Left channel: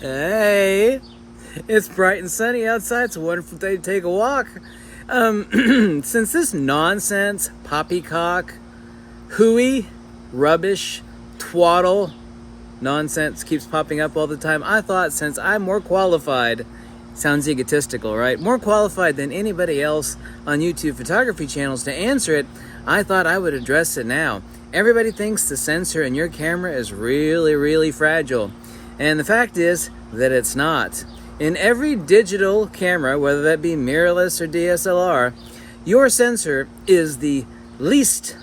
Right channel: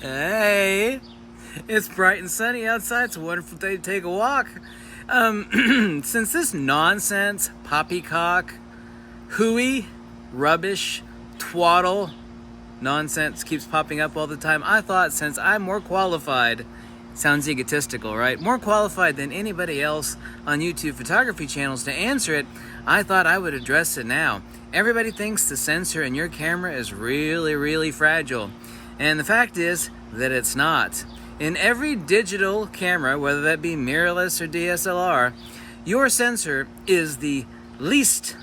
Hey, it's bright and sunny outside. It's a wonderful day to take a walk. Since this nonsense, poppycock, hooey, rubbish, twaddle nonsense keeps popping up all the time, I thought since I'm more qualified, sounds egotistical, right? More qualified than anybody else on YouTube photography channels to answer it, I thought I would address it now. Everybody thinks the sensor in your camera is really, really fragile. And the fact is that it's not. In every digital camera, whether that be mirrorless or DSLR, your sensor is the least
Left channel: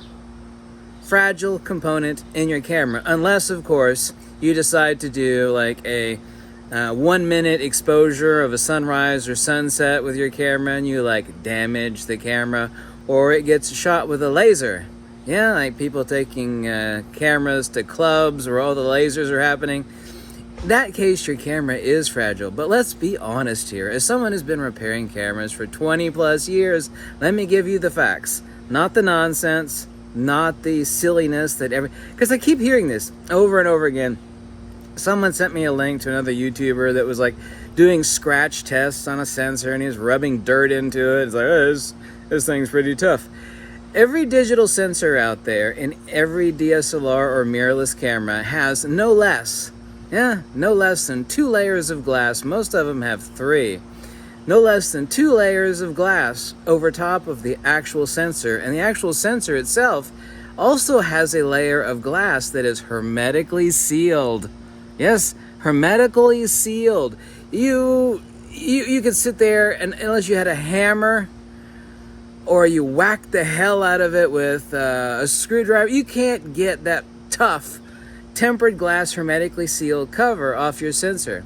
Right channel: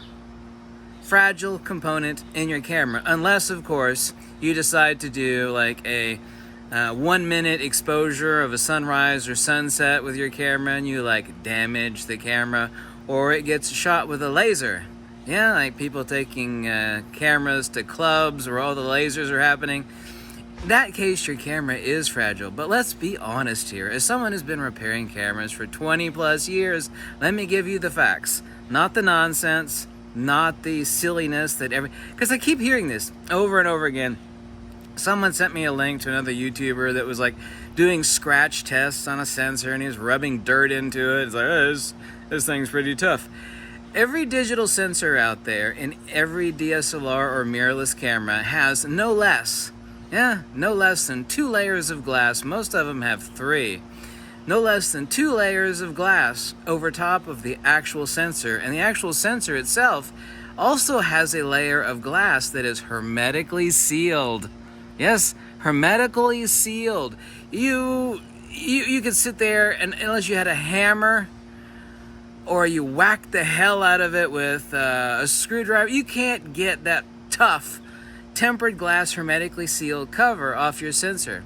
fragile component in your camera. Unless, of course, you decide to do like a 1 minute exposure of a sunrise or sunset with your camera and you like damage the camera, or it gets shot with a laser. Yeah, like people taking cameras to clubs where all the lasers are happening. In that case, your camera is fragile. But let's be honest here. As someone who's been repairing cameras for 20 plus years, let me give you the facts. Not the nonsense, not the silliness that because I keep hearing this over and over again. Someone sent me a link to another YouTuber that was like doing scratch tests on a sensor and he was rubbing dirt into it. It's like, oh, this thing's pretty tough. Every digital sensor out there in every DSLR or mirrorless camera has no less than 2 layers of glass. Most of them have 3. No less than 2 layers of glass over top of the actual sensor. And the actual sensor itself also has a layer of glass that is hermetically sealed. Yes, hermetically sealed. You could sit there and unless you had a hammer or you whack the hell out of it with a screwdriver, you can't get that tough tempered glass hermetically sealed cover off your sensor.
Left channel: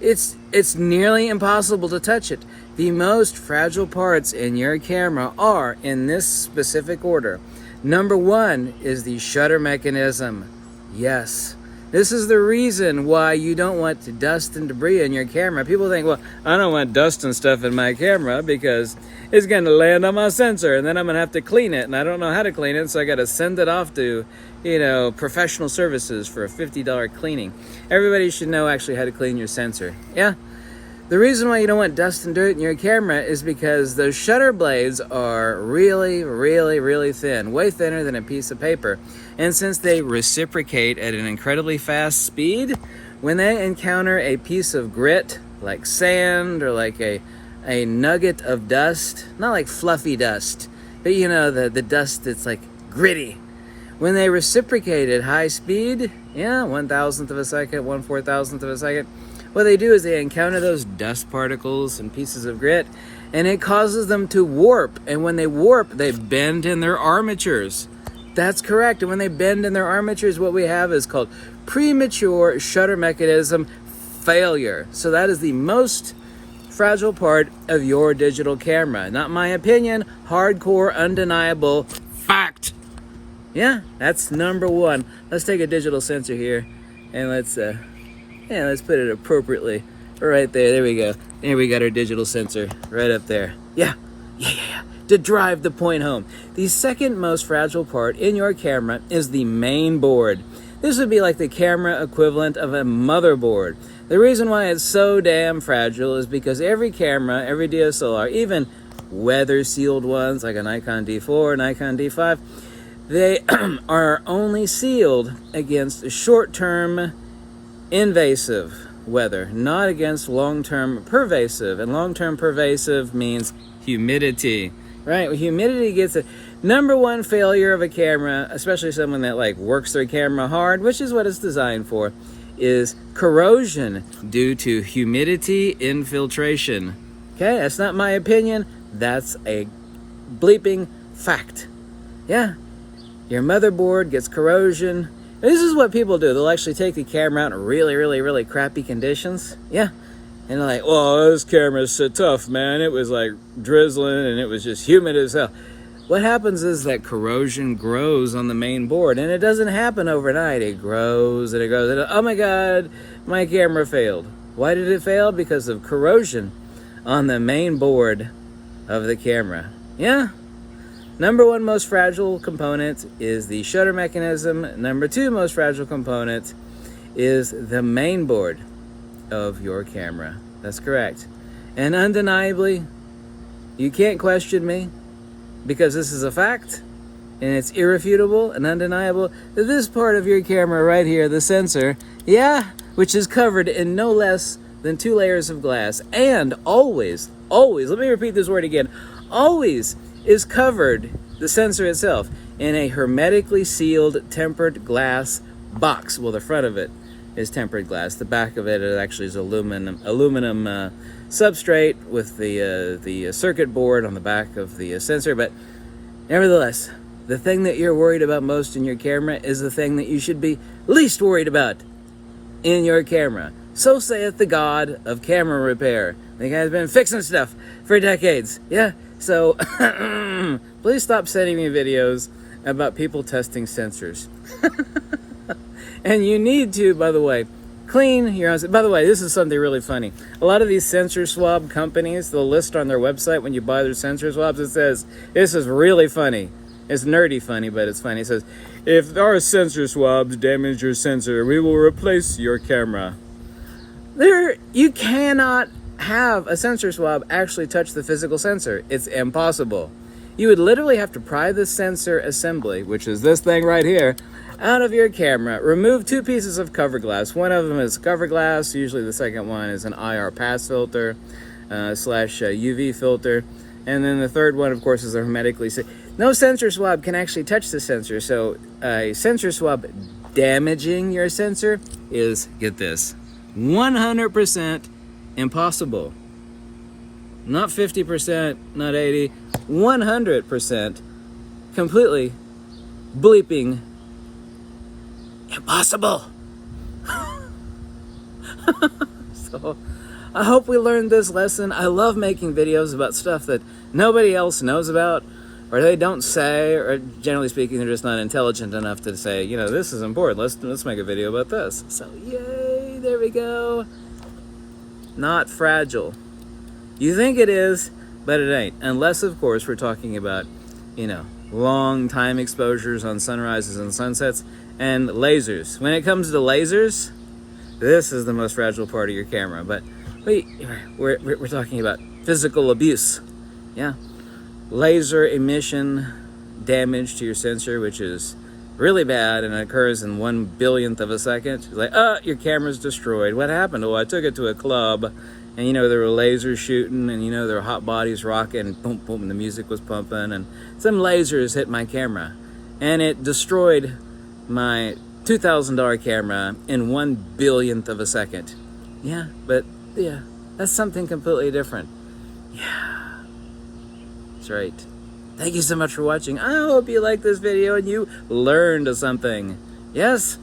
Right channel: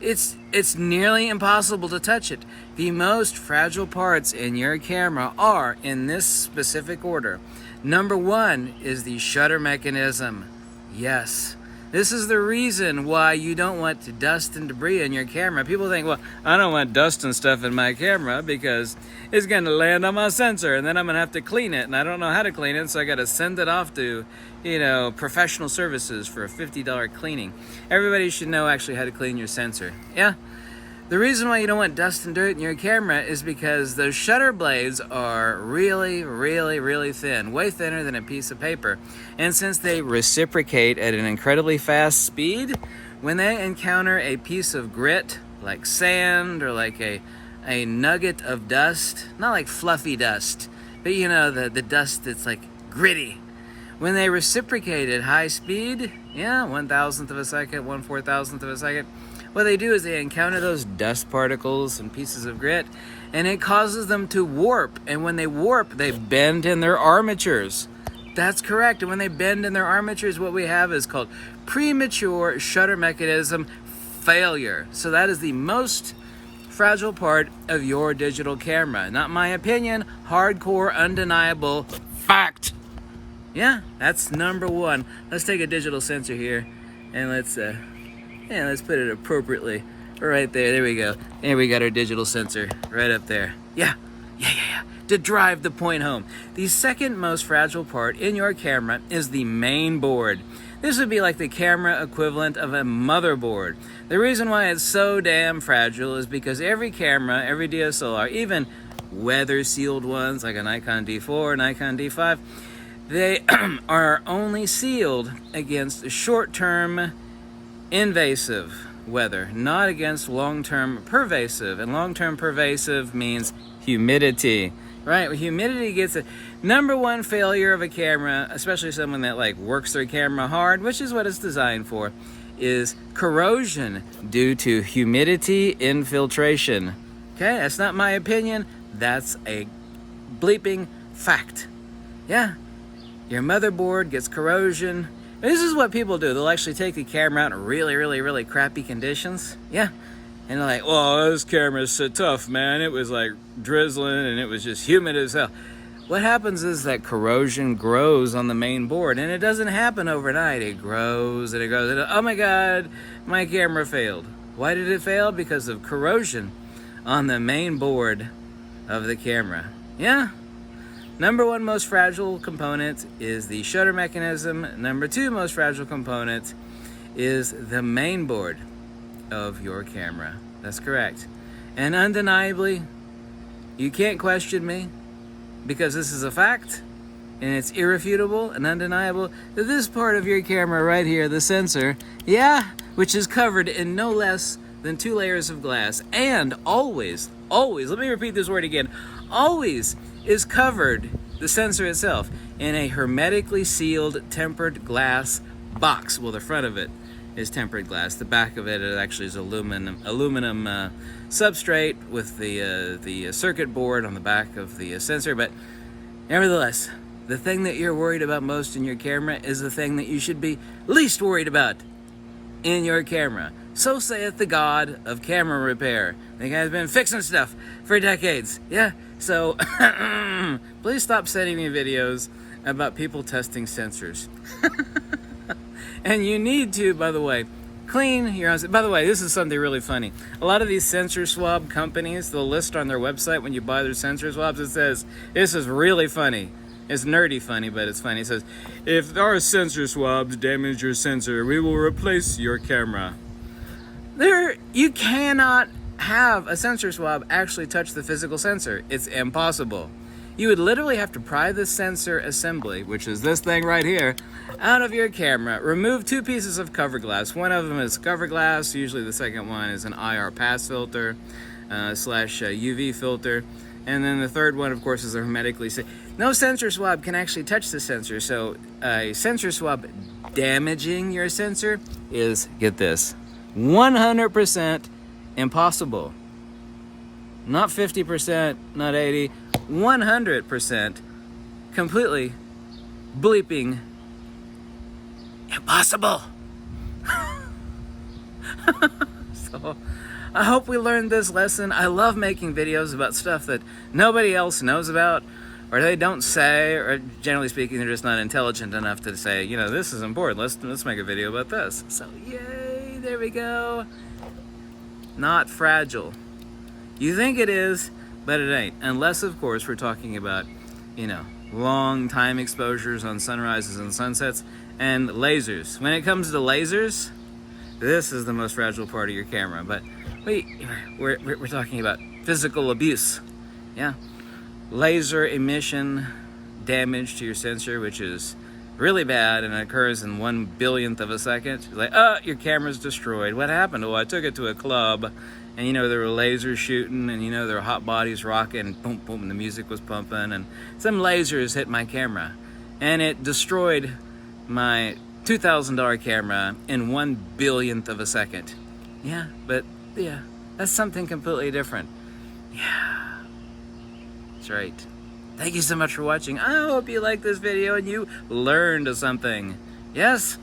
It's nearly impossible to touch it. The most fragile parts in your camera are in this specific order. Number 1 is the shutter mechanism. Yes, this is the reason why you don't want dust and debris in your camera. People think, well, I don't want dust and stuff in my camera because it's going to land on my sensor and then I'm going to have to clean it and I don't know how to clean it, so I got to send it off to professional services for a $50 cleaning. Everybody should know actually how to clean your sensor. Yeah. The reason why you don't want dust and dirt in your camera is because those shutter blades are really, really, really thin, way thinner than a piece of paper. And since they reciprocate at an incredibly fast speed, when they encounter a piece of grit, like sand or like a nugget of dust, not like fluffy dust, but the dust that's like gritty. When they reciprocate at high speed, 1,000th of a second, 1/4,000th of a second, what they do is they encounter those dust particles and pieces of grit, and it causes them to warp. And when they warp, they bend in their armatures. That's correct. And when they bend in their armatures, what we have is called premature shutter mechanism failure. So that is the most fragile part of your digital camera. Not my opinion, hardcore, undeniable fact. Yeah, that's number 1. Let's take a digital sensor here and let's put it appropriately right there. There we go. And we got our digital sensor right up there. Yeah. To drive the point home. The second most fragile part in your camera is the main board. This would be like the camera equivalent of a motherboard. The reason why it's so damn fragile is because every camera, every DSLR, even weather-sealed ones like a Nikon D4, Nikon D5, they are only sealed against short-term invasive weather, not against long-term pervasive. And long-term pervasive means humidity, right? Well, humidity gets a number 1 failure of a camera, especially someone that like works their camera hard, which is what it's designed for, is corrosion due to humidity infiltration. Okay, that's not my opinion. That's a bleeping fact. Yeah. Your motherboard gets corrosion. This is what people do. They'll actually take the camera out in really, really, really crappy conditions. Yeah. And they're like, oh, this camera's so tough, man. It was like drizzling and it was just humid as hell. What happens is that corrosion grows on the main board, and it doesn't happen overnight. It grows and it grows. And, oh my God, my camera failed. Why did it fail? Because of corrosion on the main board of the camera. Yeah. Number 1 most fragile component is the shutter mechanism. Number 2 most fragile component is the main board. of your camera. That's correct. And undeniably, you can't question me, because this is a fact, and it's irrefutable and undeniable, that this part of your camera right here, the sensor, which is covered in no less than 2 layers of glass, and always, let me repeat this word again, always is covered, the sensor itself, in a hermetically sealed tempered glass box. Well, the front of it is tempered glass. The back of it actually is aluminum substrate with the circuit board on the back of the sensor. But nevertheless, the thing that you're worried about most in your camera is the thing that you should be least worried about in your camera. So saith the God of camera repair. The guy's been fixing stuff for decades. Yeah, so please stop sending me videos about people testing sensors. And you need to, by the way, clean your own. By the way, this is something really funny. A lot of these sensor swab companies, they'll list on their website when you buy their sensor swabs, it says, this is really funny. It's nerdy funny, but it's funny. It says, if our sensor swabs damage your sensor, we will replace your camera. You cannot have a sensor swab actually touch the physical sensor. It's impossible. You would literally have to pry the sensor assembly, which is this thing right here, out of your camera. Remove 2 pieces of cover glass. One of them is cover glass. Usually the second one is an IR pass filter / UV filter. And then the third one, of course, is a hermetically sealed. No sensor swab can actually touch the sensor. So a sensor swab damaging your sensor is, get this, 100% impossible. Not 50%, not 80%, 100% completely bleeping impossible. So I hope we learned this lesson. I love making videos about stuff that nobody else knows about, or they don't say, or generally speaking, they're just not intelligent enough to say, you know, this is important. Let's make a video about this. So yay, there we go. Not fragile. You think it is, but it ain't. Unless, of course, we're talking about, you know, long time exposures on sunrises and sunsets and lasers. When it comes to lasers, this is the most fragile part of your camera. But we're talking about physical abuse. Yeah. Laser emission damage to your sensor, which is really bad and occurs in 1/1000th of a second. It's like, your camera's destroyed. What happened? Oh, I took it to a club, and you know, there were lasers shooting, and you know, there were hot bodies rocking, boom, boom, and the music was pumping, and some lasers hit my camera, and it destroyed my $2,000 camera in 1/1000th of a second. Yeah, but yeah, that's something completely different. Yeah, that's right. Thank you so much for watching. I hope you liked this video and you learned something. Yes,